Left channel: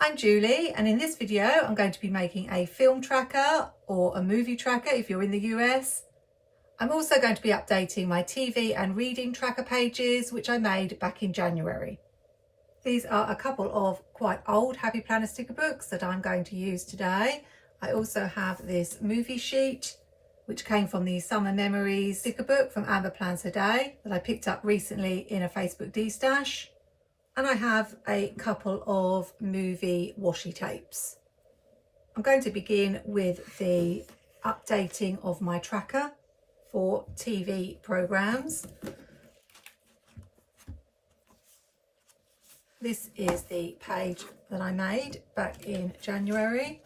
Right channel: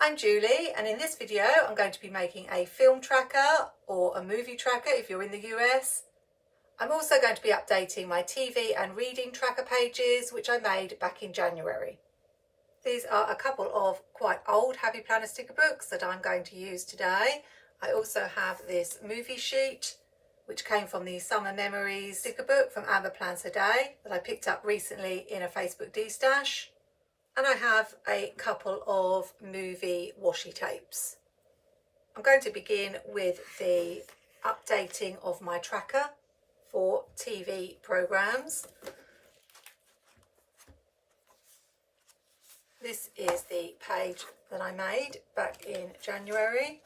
I'm Julie, and in this video I'm going to be making a film tracker or a movie tracker if you're in the US. I'm also going to be updating my TV and reading tracker pages, which I made back in January. These are a couple of quite old Happy Planner sticker books that I'm going to use today. I also have this movie sheet, which came from the Summer Memories sticker book from Amber Plans a Day that I picked up recently in a Facebook D-stash. And I have a couple of movie washi tapes. I'm going to begin with the updating of my tracker for TV programs. This is the page that I made back in January,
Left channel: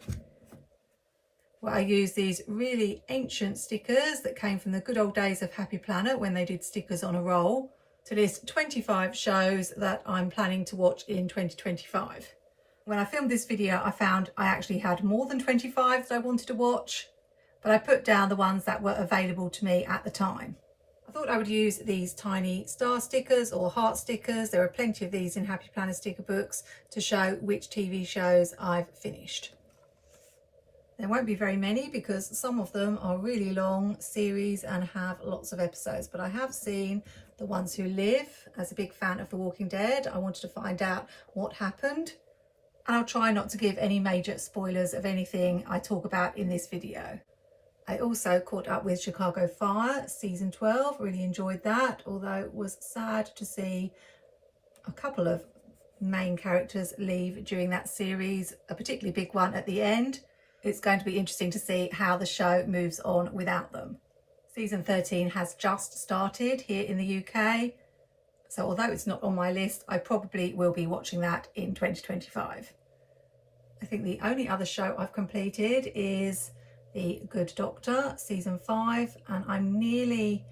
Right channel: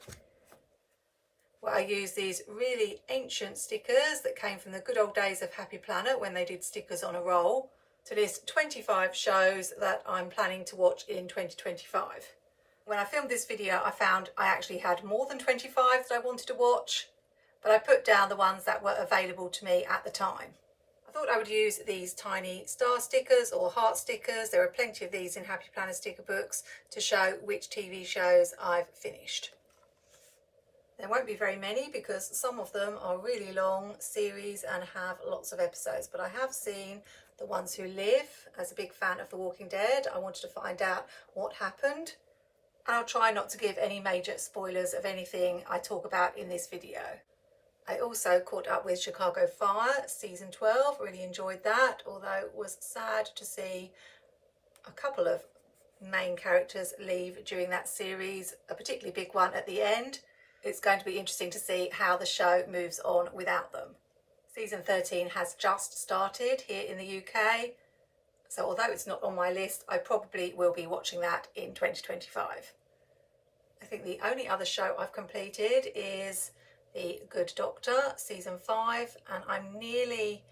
where I used these really ancient stickers that came from the good old days of Happy Planner when they did stickers on a roll, to list 25 shows that I'm planning to watch in 2025. When I filmed this video, I found I actually had more than 25 that I wanted to watch, but I put down the ones that were available to me at the time. I thought I would use these tiny star stickers or heart stickers. There are plenty of these in Happy Planner sticker books to show which TV shows I've finished. There won't be very many because some of them are really long series and have lots of episodes, but I have seen The Ones Who Live. As a big fan of The Walking Dead, I wanted to find out what happened. And I'll try not to give any major spoilers of anything I talk about in this video. I also caught up with Chicago Fire season 12, really enjoyed that, although it was sad to see a couple of main characters leave during that series, a particularly big one at the end. It's going to be interesting to see how the show moves on without them. Season 13 has just started here in the UK, so although it's not on my list, I probably will be watching that in 2025. I think the only other show I've completed is The Good Doctor, season 5, and I'm nearly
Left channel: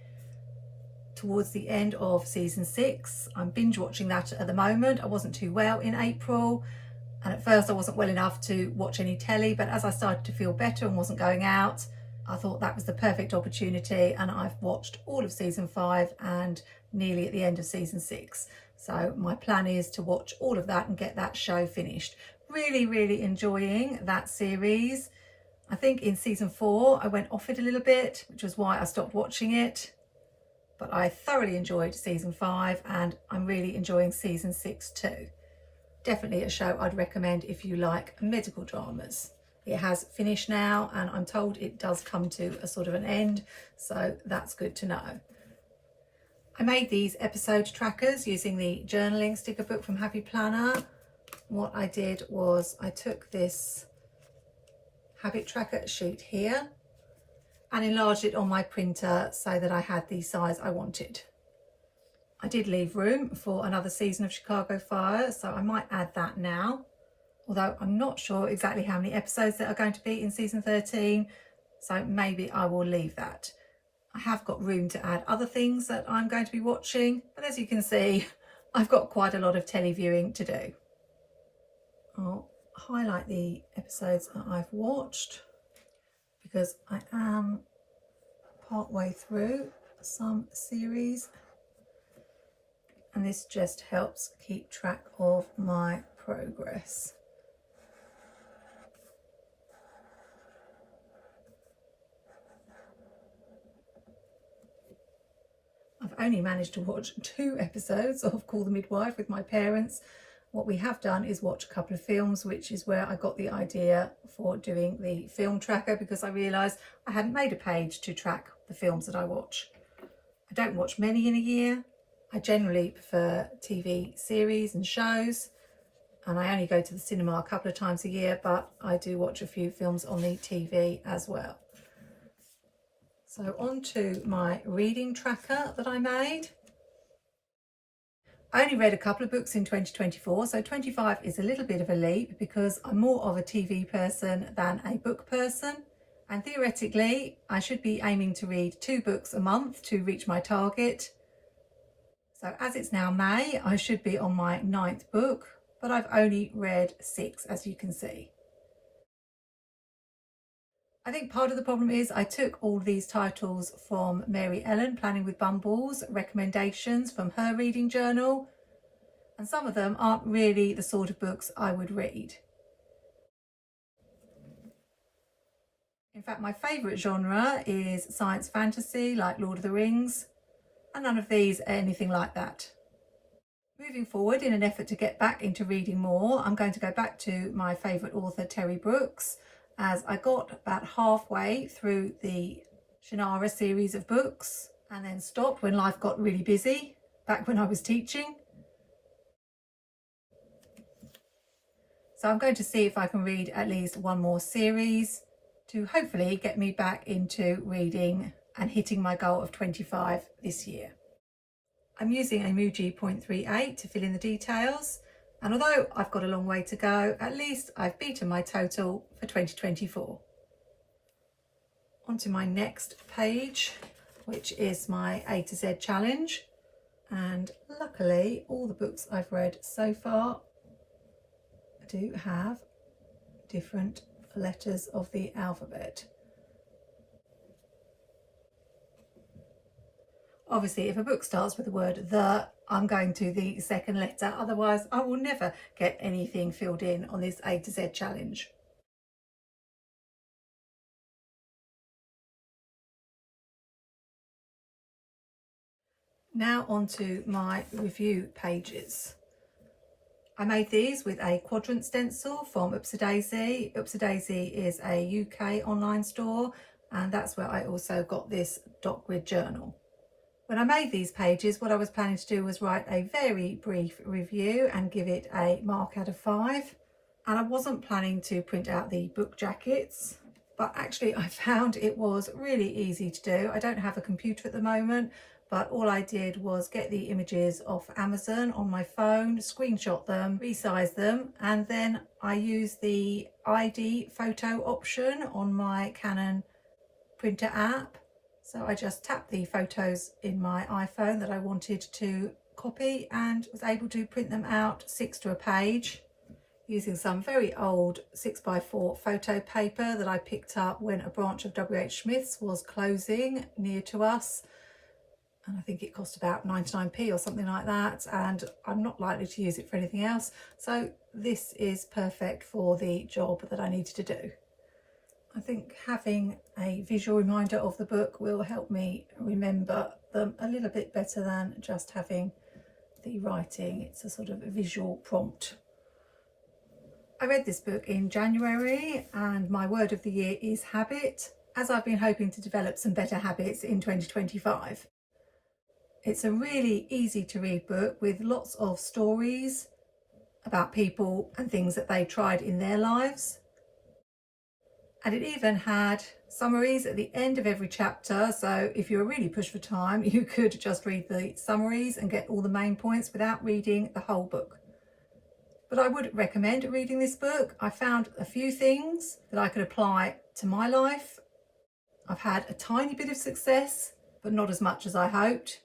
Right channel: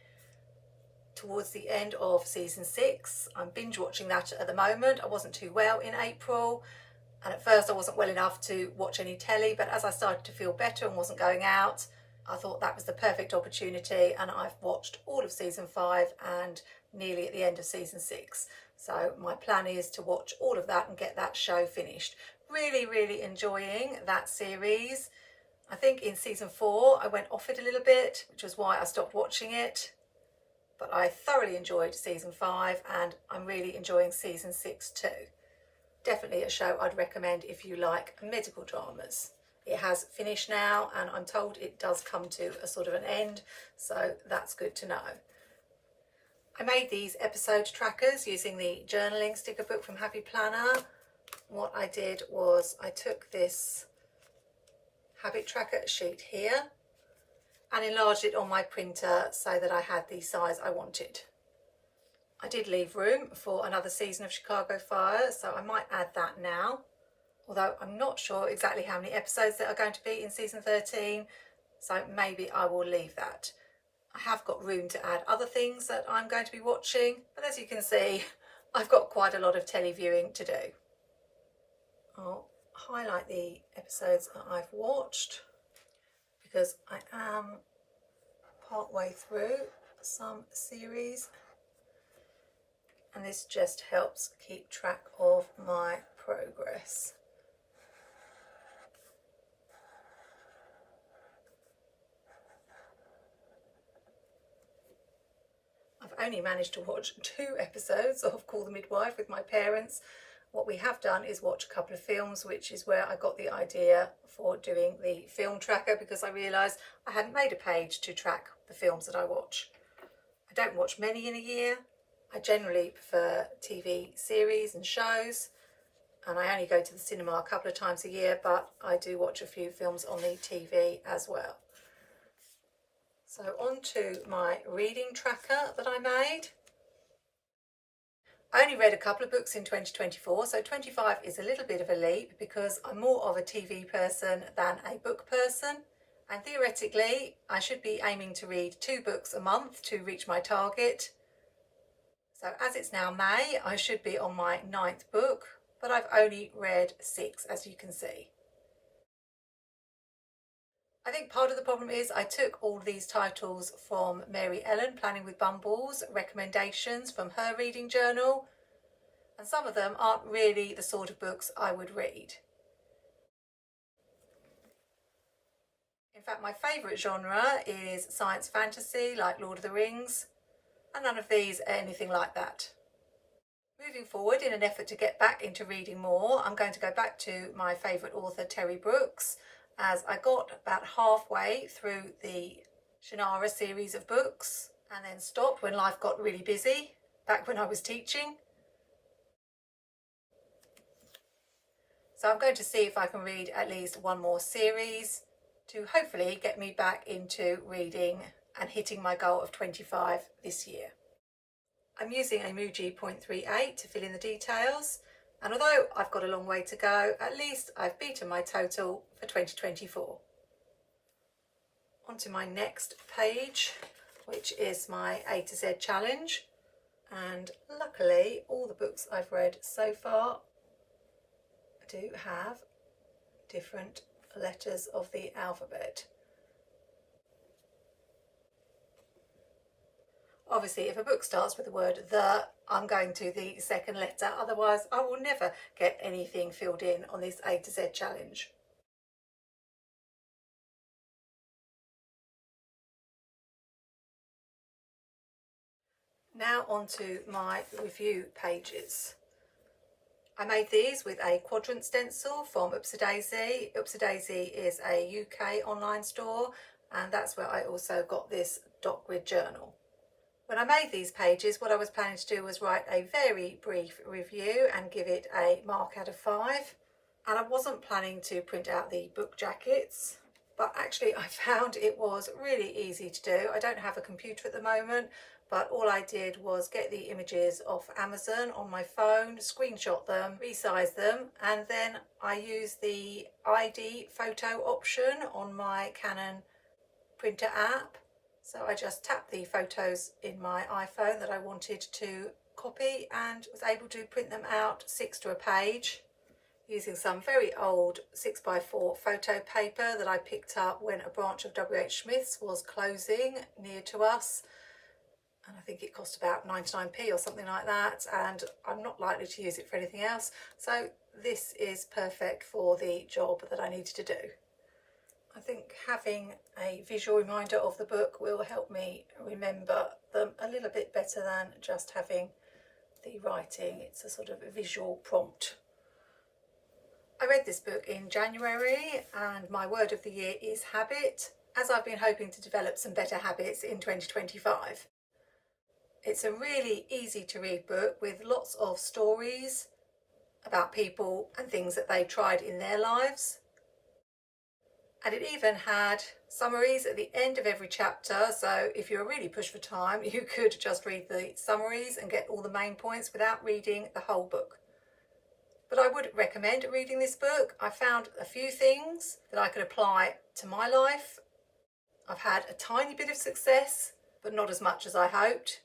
towards the end of season 6. I'm binge watching that at the moment. I wasn't too well in April, and at first I wasn't well enough to watch any telly, but as I started to feel better and wasn't going out, I thought that was the perfect opportunity, and I've watched all of season 5 and nearly at the end of season 6. So my plan is to watch all of that and get that show finished. Really enjoying that series. I think in season 4 I went off it a little bit, which was why I stopped watching it. But I thoroughly enjoyed season 5 and I'm really enjoying season 6 too. Definitely a show I'd recommend if you like medical dramas. It has finished now and I'm told it does come to a sort of an end, so that's good to know. I made these episode trackers using the journaling sticker book from Happy Planner. What I did was I took this habit tracker sheet here and enlarged it on my printer so that I had the size I wanted. I did leave room for another season of Chicago Fire, so I might add that now, although I'm not sure exactly how many episodes there are going to be in season 13, so maybe I will leave that. I have got room to add other things that I'm going to be watching, but as you can see, I've got quite a lot of telly viewing to do. I'll highlight the episodes that I've watched because I am partway through some series, and this just helps keep track of my progress. I've only managed to watch 2 episodes of Call the Midwife with my parents. What we have done is watch a couple of films, which is where I got the idea for doing the film tracker, because I realised I hadn't made a page to track the films that I watch. I don't watch many in a year. I generally prefer TV series and shows, and I only go to the cinema a couple of times a year, but I do watch a few films on the TV as well. So on to my reading tracker that I made. I only read a couple of books in 2024, so 25 is a little bit of a leap because I'm more of a TV person than a book person. And theoretically, I should be aiming to read 2 books a month to reach my target. So as it's now May, I should be on my 9th book, but I've only read 6, as you can see. I think part of the problem is I took all these titles from Mary Ellen, Planning with Bumbles, recommendations from her reading journal, and some of them aren't really the sort of books I would read. In fact, my favourite genre is science fantasy, like Lord of the Rings, and none of these are anything like that. Moving forward, in an effort to get back into reading more, I'm going to go back to my favourite author, Terry Brooks, as I got about halfway through the Shannara series of books and then stopped when life got really busy, back when I was teaching. So I'm going to see if I can read at least one more series to hopefully get me back into reading and hitting my goal of 25 this year. I'm using a Muji 0.38 to fill in the details, and although I've got a long way to go, at least I've beaten my total for 2024. On to my next page, which is my A to Z challenge, and luckily all the books I've read so far do have different letters of the alphabet. Obviously, if a book starts with the word the, I'm going to the second letter, otherwise I will never get anything filled in on this A to Z challenge. Now on to my review pages. I made these with a quadrant stencil from Upsidaisy. Upsidaisy is a UK online store, and that's where I also got this dot grid journal. When I made these pages, what I was planning to do was write a very brief review and give it a mark out of 5. And I wasn't planning to print out the book jackets, but actually I found it was really easy to do. I don't have a computer at the moment, but all I did was get the images off Amazon on my phone, screenshot them, resize them, and then I used the ID photo option on my Canon printer app. So I just tapped the photos in my iPhone that I wanted to copy and was able to print them out 6 to a page using some very old 6x4 photo paper that I picked up when a branch of WH Smith's was closing near to us. And I think it cost about 99p or something like that, and I'm not likely to use it for anything else. So this is perfect for the job that I needed to do. I think having a visual reminder of the book will help me remember them a little bit better than just having the writing. It's a sort of visual prompt. I read this book in January, and my word of the year is habit, as I've been hoping to develop some better habits in 2025. It's a really easy to read book with lots of stories about people and things that they tried in their lives. And it even had summaries at the end of every chapter, so if you're really pushed for time, you could just read the summaries and get all the main points without reading the whole book. But I would recommend reading this book. I found a few things that I could apply to my life. I've had a tiny bit of success, but not as much as I hoped.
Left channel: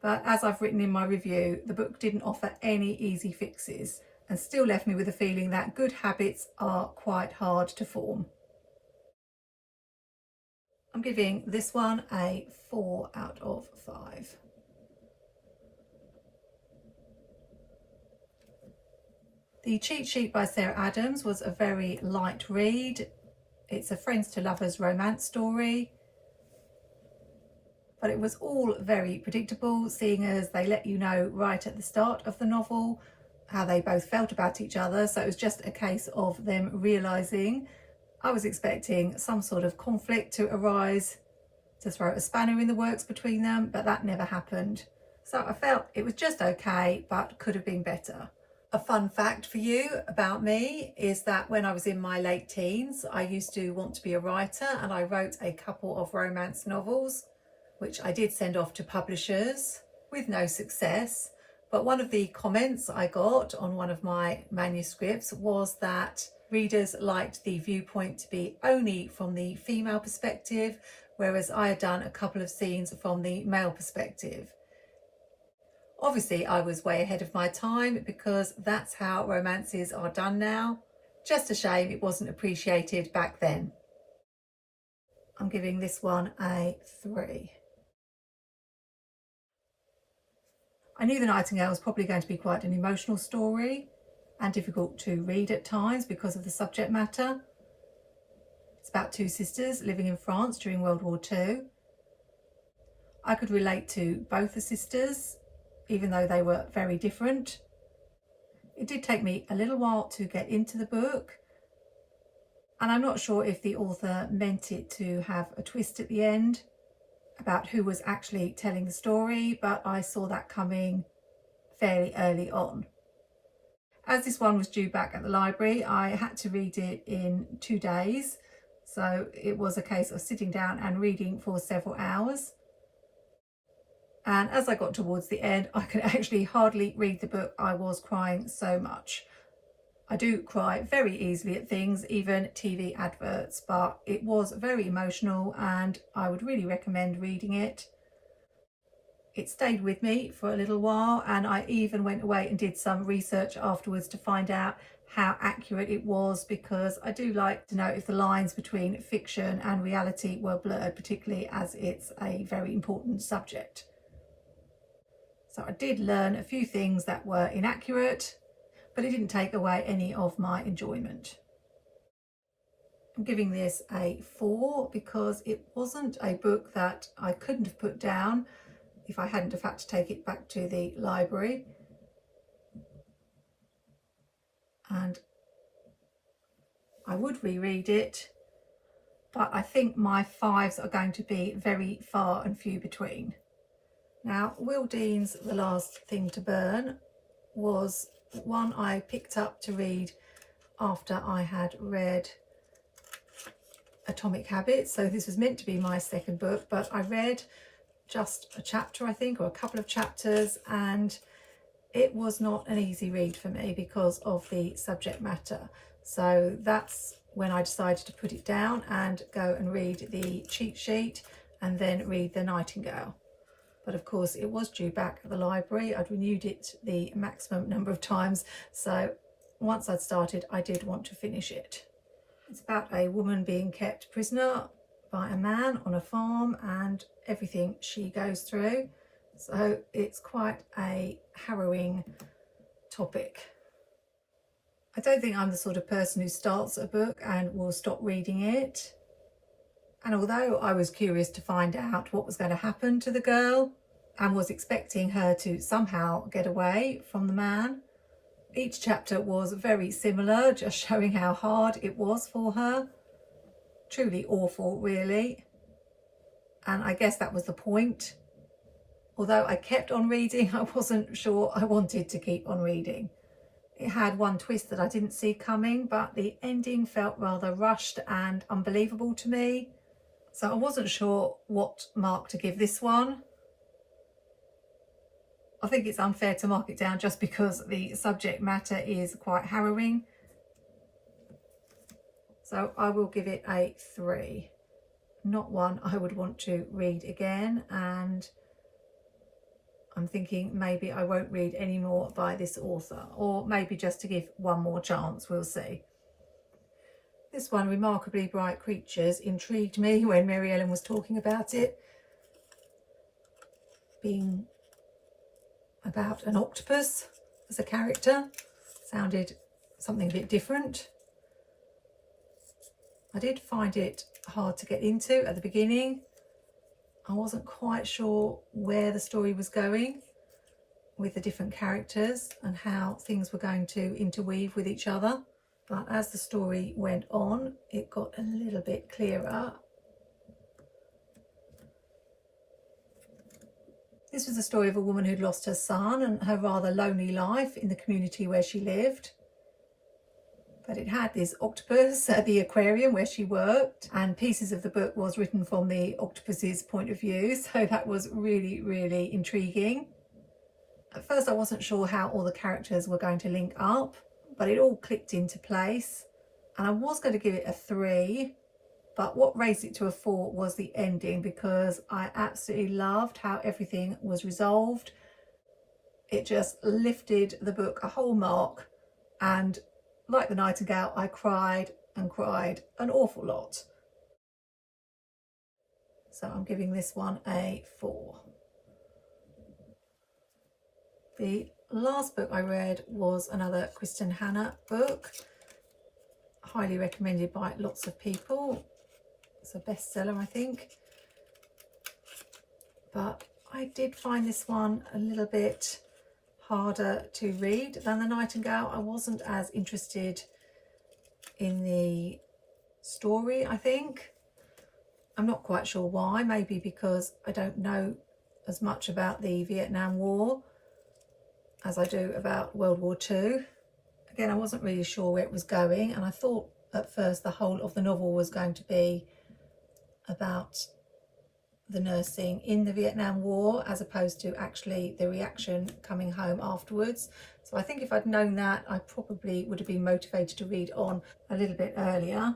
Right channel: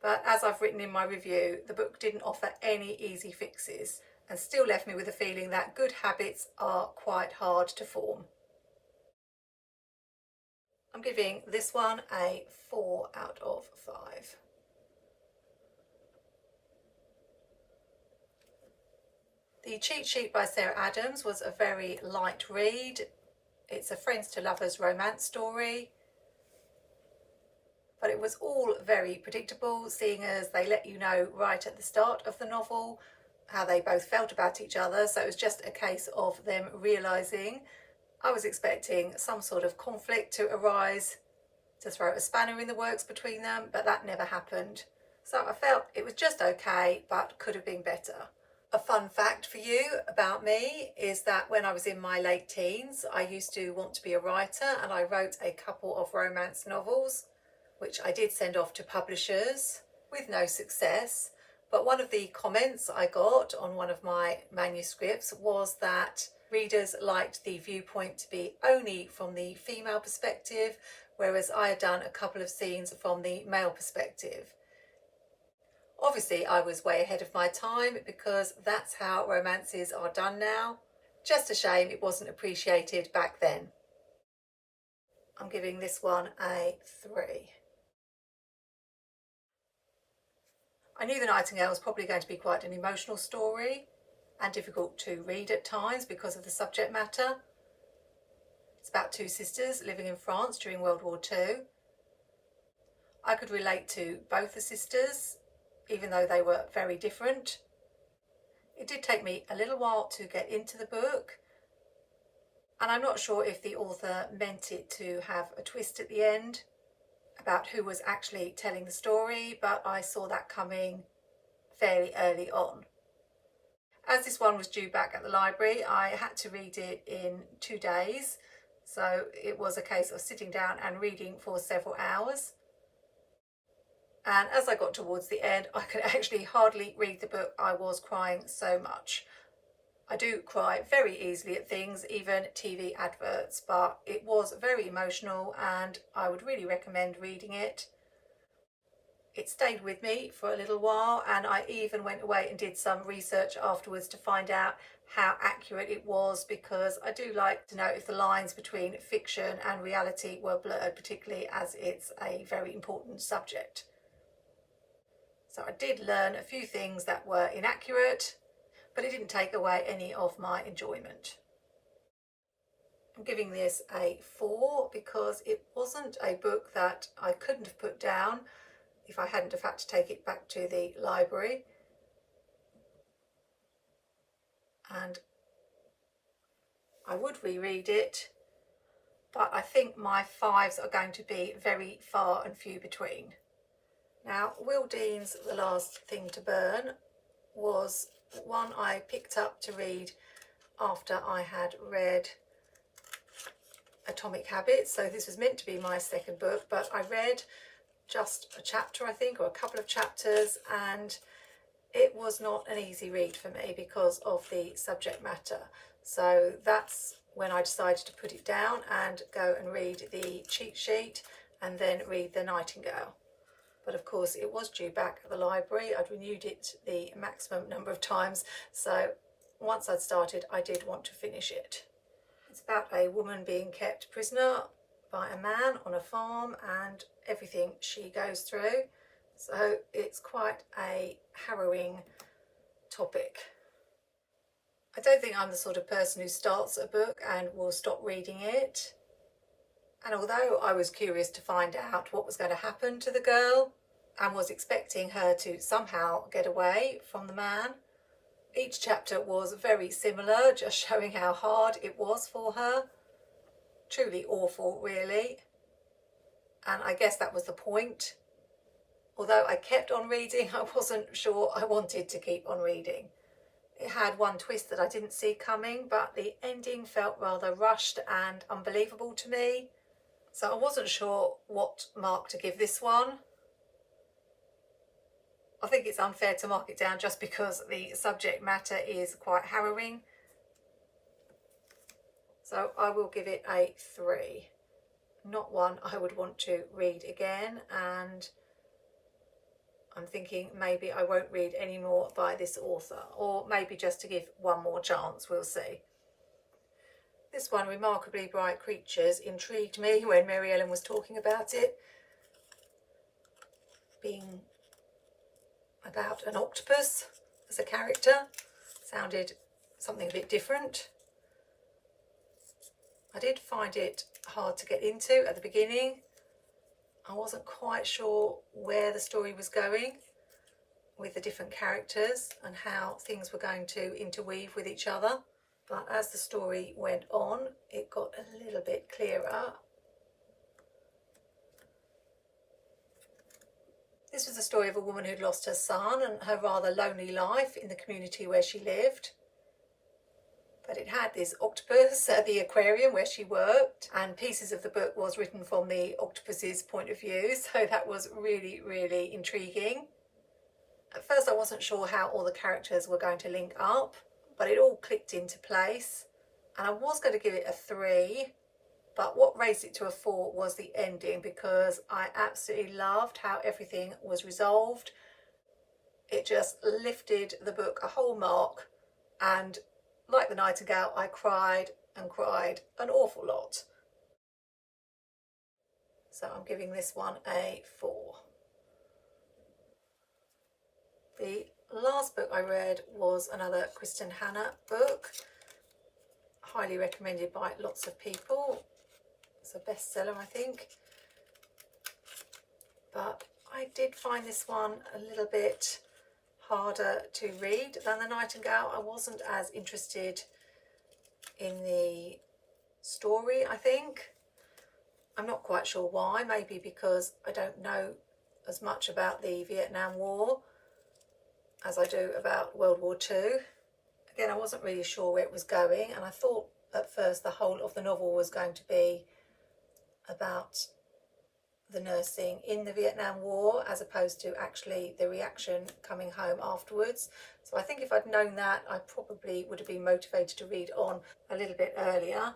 But as I've written in my review, the book didn't offer any easy fixes, and still left me with the feeling that good habits are quite hard to form. I'm giving this one a 4 out of 5. The Cheat Sheet by Sarah Adams was a very light read. It's a friends to lovers romance story, but it was all very predictable, seeing as they let you know right at the start of the novel how they both felt about each other. So it was just a case of them realising. I was expecting some sort of conflict to arise, to throw a spanner in the works between them, but that never happened. So I felt it was just okay, but could have been better. A fun fact for you about me is that when I was in my late teens, I used to want to be a writer, and I wrote a couple of romance novels, which I did send off to publishers with no success. But one of the comments I got on one of my manuscripts was that readers liked the viewpoint to be only from the female perspective, whereas I had done a couple of scenes from the male perspective. Obviously, I was way ahead of my time because that's how romances are done now. Just a shame it wasn't appreciated back then. I'm giving this one a 3. I knew The Nightingale was probably going to be quite an emotional story and difficult to read at times because of the subject matter. It's about two sisters living in France during World War II. I could relate to both the sisters, even though they were very different. It did take me a little while to get into the book, and I'm not sure if the author meant it to have a twist at the end about who was actually telling the story, but I saw that coming fairly early on. As this one was due back at the library, I had to read it in 2 days, so it was a case of sitting down and reading for several hours. And as I got towards the end, I could actually hardly read the book. I was crying so much. I do cry very easily at things, even TV adverts, but it was very emotional and I would really recommend reading it. It stayed with me for a little while, and I even went away and did some research afterwards to find out how accurate it was, because I do like to know if the lines between fiction and reality were blurred, particularly as it's a very important subject. So I did learn a few things that were inaccurate, but it didn't take away any of my enjoyment. I'm giving this a 4 because it wasn't a book that I couldn't have put down if I hadn't have had to take it back to the library. And I would reread it, but I think my 5s are going to be very far and few between. Now, Will Dean's The Last Thing to Burn was one I picked up to read after I had read Atomic Habits. So this was meant to be my second book, but I read just a chapter, I think, or a couple of chapters, and it was not an easy read for me because of the subject matter. So that's when I decided to put it down and go and read the cheat sheet and then read The Nightingale. But of course it was due back at the library. I'd renewed it the maximum number of times, so once I'd started I did want to finish it. It's about a woman being kept prisoner by a man on a farm and everything she goes through, so it's quite a harrowing topic. I don't think I'm the sort of person who starts a book and will stop reading it. And although I was curious to find out what was going to happen to the girl and was expecting her to somehow get away from the man, each chapter was very similar, just showing how hard it was for her. Truly awful, really. And I guess that was the point. Although I kept on reading, I wasn't sure I wanted to keep on reading. It had one twist that I didn't see coming, but the ending felt rather rushed and unbelievable to me. So I wasn't sure what mark to give this one. I think it's unfair to mark it down just because the subject matter is quite harrowing. So I will give it a 3. Not one I would want to read again, and I'm thinking maybe I won't read any more by this author, or maybe just to give one more chance, we'll see. This one, Remarkably Bright Creatures, intrigued me when Mary Ellen was talking about it, being about an octopus as a character. Sounded something a bit different. I did find it hard to get into at the beginning. I wasn't quite sure where the story was going with the different characters and how things were going to interweave with each other. But as the story went on, it got a little bit clearer. This was the story of a woman who'd lost her son and her rather lonely life in the community where she lived. But it had this octopus at the aquarium where she worked, and pieces of the book was written from the octopus's point of view, so that was really, really intriguing. At first I wasn't sure how all the characters were going to link up, but it all clicked into place, and I was going to give it a 3, but what raised it to a 4 was the ending, because I absolutely loved how everything was resolved. It just lifted the book a whole mark, and like The Nightingale, I cried and cried an awful lot. So I'm giving this one a 4. The last book I read was another Kristin Hannah book, highly recommended by lots of people. was a bestseller, I think. But I did find this one a little bit harder to read than The Nightingale. I wasn't as interested in the story, I think. I'm not quite sure why. Maybe because I don't know as much about the Vietnam War as I do about World War II. Again, I wasn't really sure where it was going, and I thought at first the whole of the novel was going to be about the nursing in the Vietnam War as opposed to actually the reaction coming home afterwards. So I think if I'd known that, I probably would have been motivated to read on a little bit earlier.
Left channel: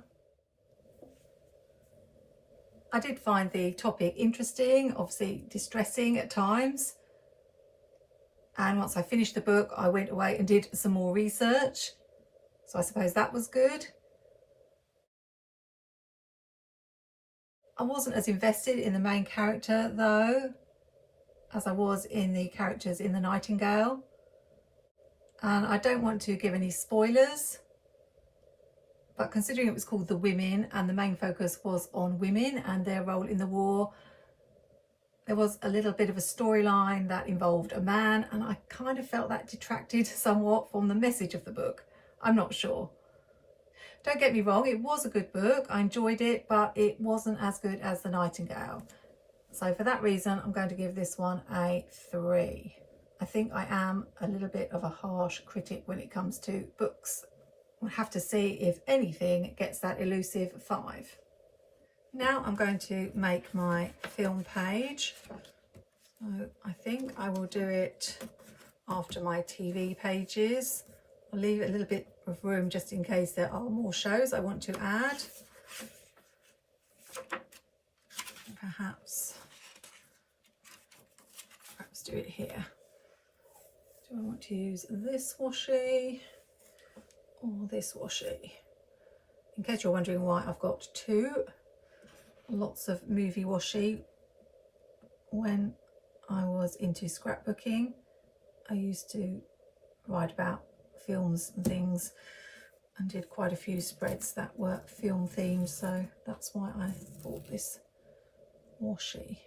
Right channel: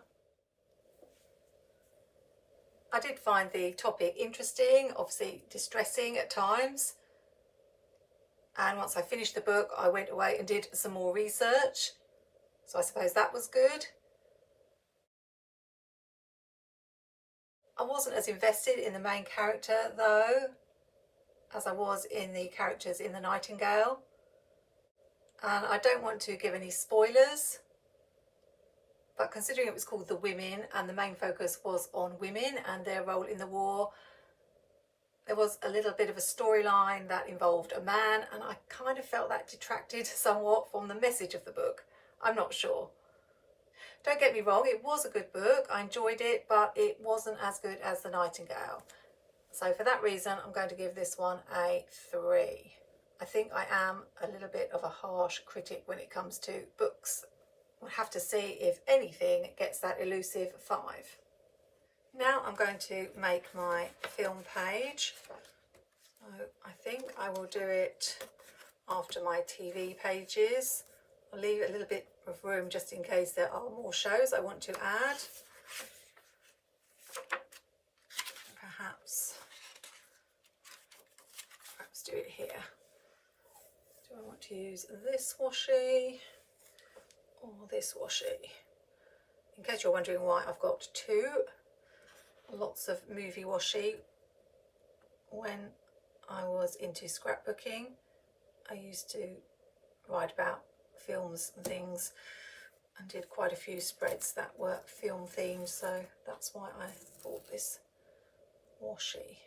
I did find the topic interesting, obviously distressing at times. And once I finished the book, I went away and did some more research. So I suppose that was good. I wasn't as invested in the main character though, as I was in the characters in The Nightingale. And I don't want to give any spoilers, but considering it was called The Women and the main focus was on women and their role in the war, there was a little bit of a storyline that involved a man, and I kind of felt that detracted somewhat from the message of the book. I'm not sure. Don't get me wrong, it was a good book. I enjoyed it, but it wasn't as good as The Nightingale. So for that reason, I'm going to give this one a 3. I think I am a little bit of a harsh critic when it comes to books. We'll have to see if anything gets that elusive 5. Now I'm going to make my film page. So I think I will do it after my TV pages. I'll leave a little bit of room just in case there are more shows I want to add. Perhaps do it here. Do I want to use this washi or this washi? In case you're wondering why I've got 2. Lots of movie washi. When I was into scrapbooking, I used to write about films and things and did quite a few spreads that were film themed, so that's why I bought this washi.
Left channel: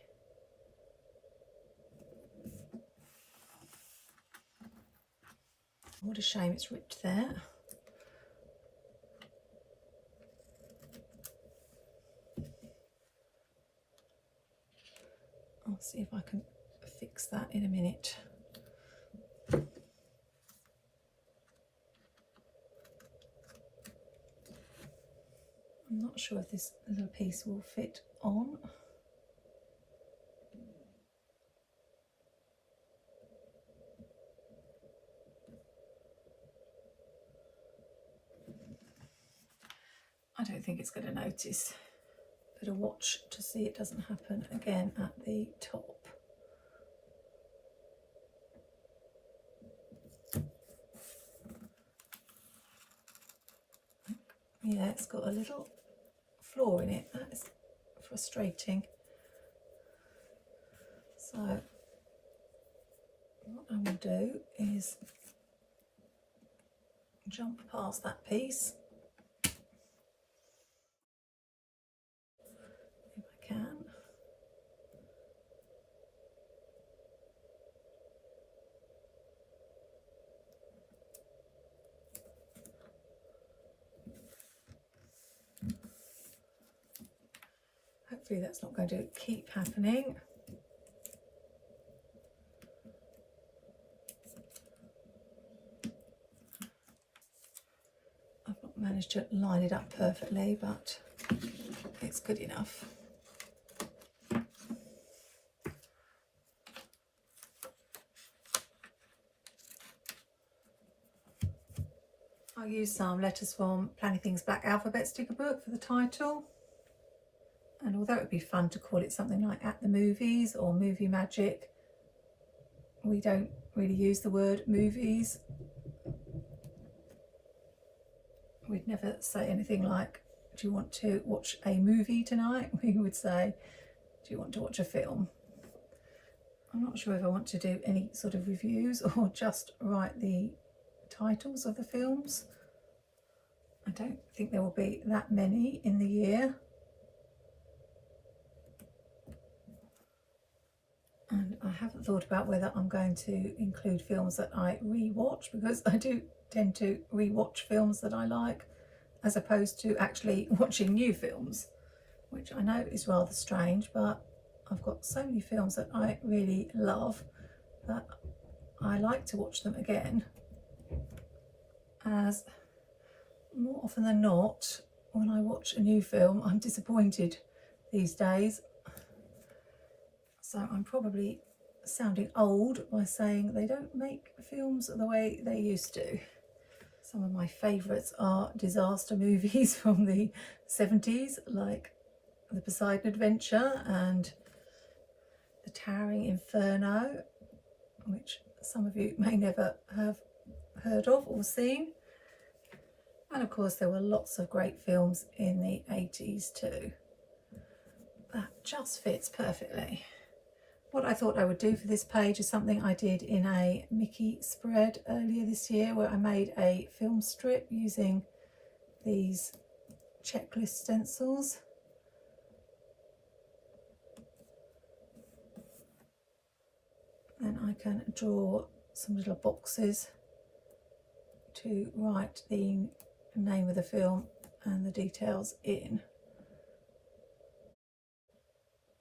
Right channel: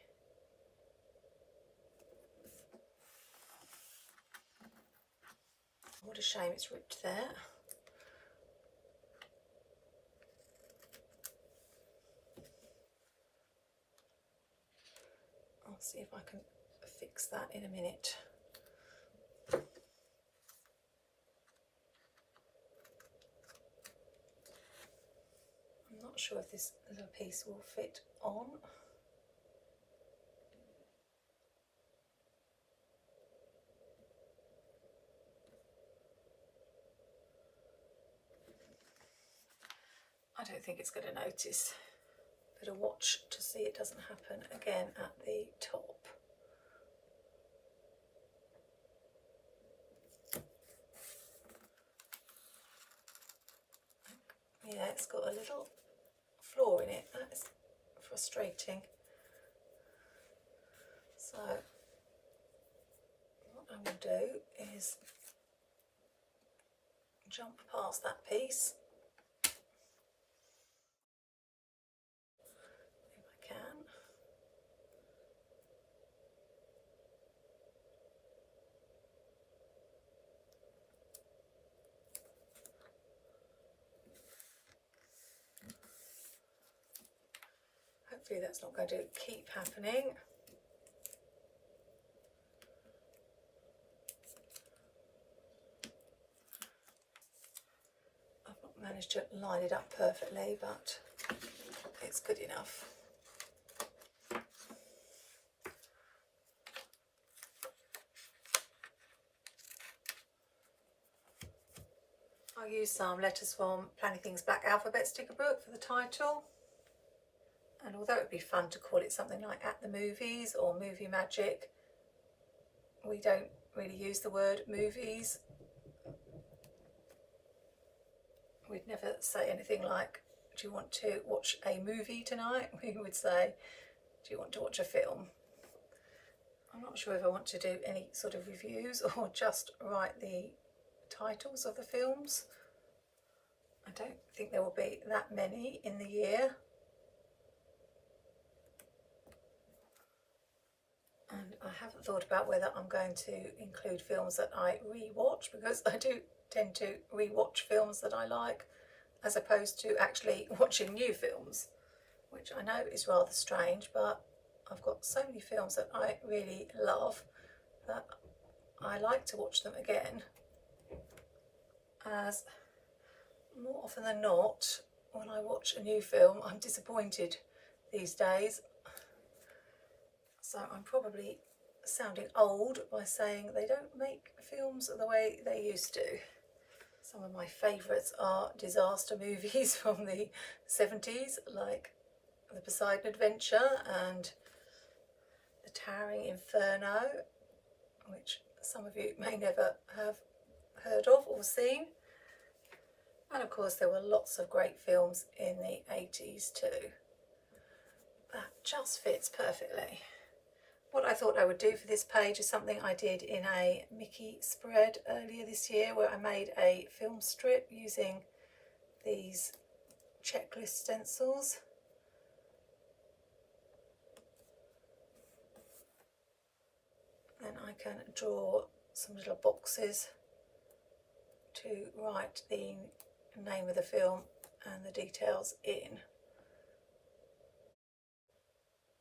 What a shame it's ripped there. I'll see if I can fix that in a minute. I'm not sure if this little piece will fit on. I don't think it's going to notice. Better watch to see it doesn't happen again at the top. Yeah, it's got a little flaw in it. That is frustrating. So what I will do is jump past that piece if I can. Hopefully that's not going to keep happening. I've not managed to line it up perfectly, but it's good enough. I used some letters from Planning Things Black Alphabet sticker book for the title. And although it would be fun to call it something like At the Movies or Movie Magic, we don't really use the word movies. We'd never say anything like, do you want to watch a movie tonight? We would say, do you want to watch a film? I'm not sure if I want to do any sort of reviews or just write the titles of the films. I don't think there will be that many in the year. I haven't thought about whether I'm going to include films that I re-watch, because I do tend to re-watch films that I like as opposed to actually watching new films, which I know is rather strange, but I've got so many films that I really love that I like to watch them again, as more often than not when I watch a new film I'm disappointed these days. So I'm probably sounding old by saying they don't make films the way they used to. Some of my favourites are disaster movies from the 70s, like The Poseidon Adventure and The Towering Inferno, which some of you may never have heard of or seen. And of course there were lots of great films in the 80s too. That just fits perfectly. What I thought I would do for this page is something I did in a Mickey spread earlier this year, where I made a film strip using these checklist stencils. And I can draw some little boxes to write the name of the film and the details in.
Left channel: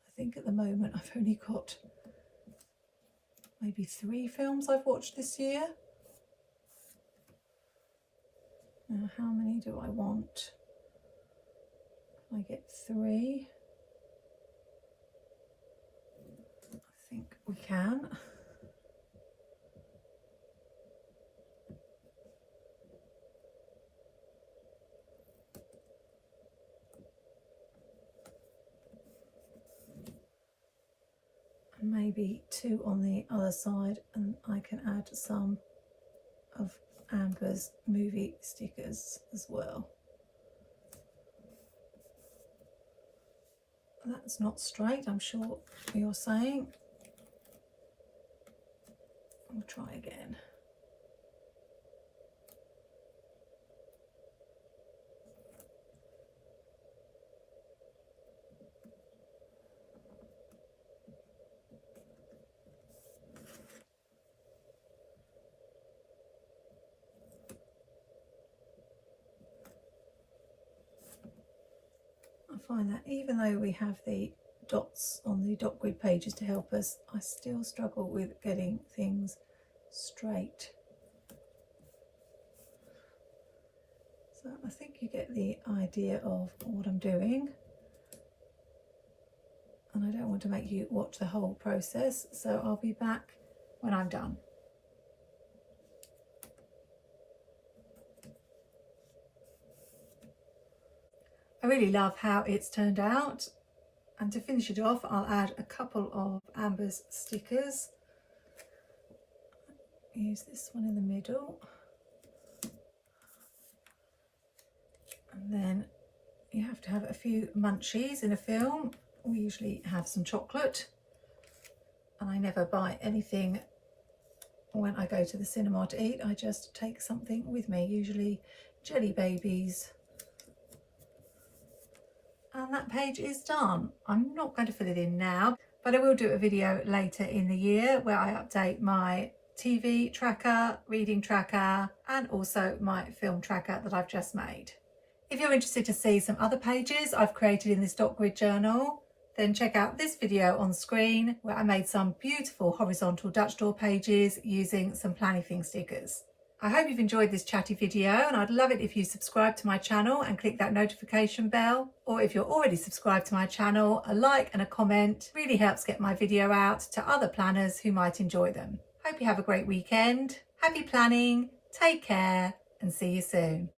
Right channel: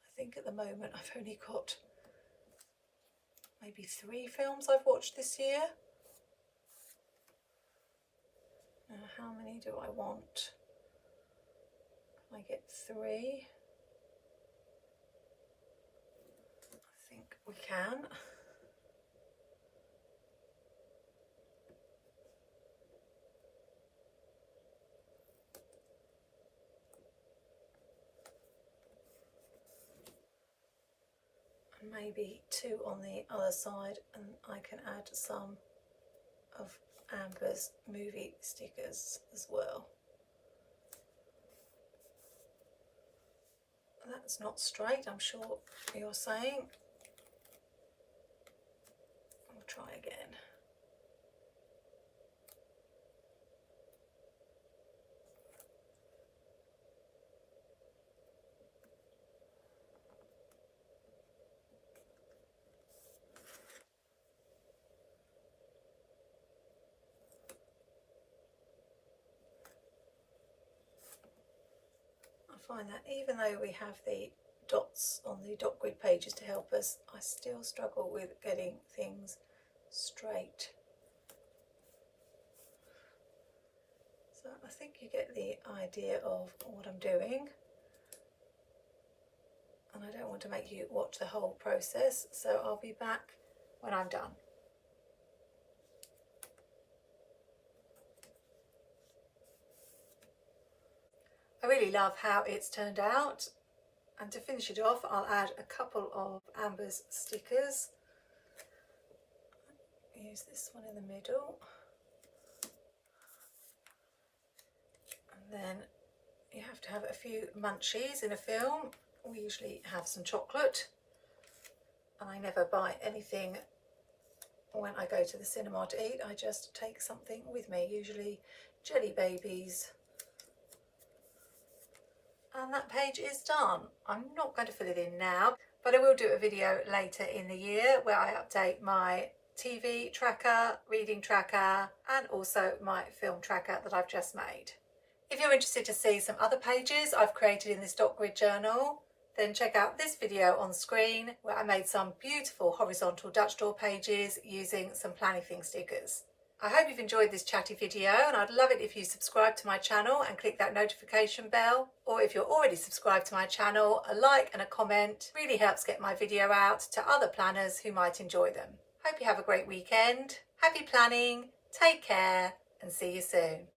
I think at the moment I've only got maybe 3 films I've watched this year. Now, how many do I want? I get 3. I think we can. Maybe 2 on the other side, and I can add some of Amber's movie stickers as well. That's not straight, I'm sure you're saying. I'll try again. I find that even though we have the dots on the dot grid pages to help us, I still struggle with getting things straight. So I think you get the idea of what I'm doing, and I don't want to make you watch the whole process, so I'll be back when I'm done. I really love how it's turned out, and to finish it off I'll add a couple of Amber's stickers. Use this one in the middle, and then you have to have a few munchies in a film. We usually have some chocolate, and I never buy anything when I go to the cinema to eat. I just take something with me, usually Jelly Babies. And that page is done. I'm not going to fill it in now, but I will do a video later in the year where I update my TV tracker, reading tracker, and also my film tracker that I've just made. If you're interested to see some other pages I've created in this dot grid journal, then check out this video on screen where I made some beautiful horizontal Dutch door pages using some Plannything stickers. I hope you've enjoyed this chatty video, and I'd love it if you subscribe to my channel and click that notification bell, or if you're already subscribed to my channel, a like and a comment really helps get my video out to other planners who might enjoy them. Hope you have a great weekend, happy planning, take care, and see you soon.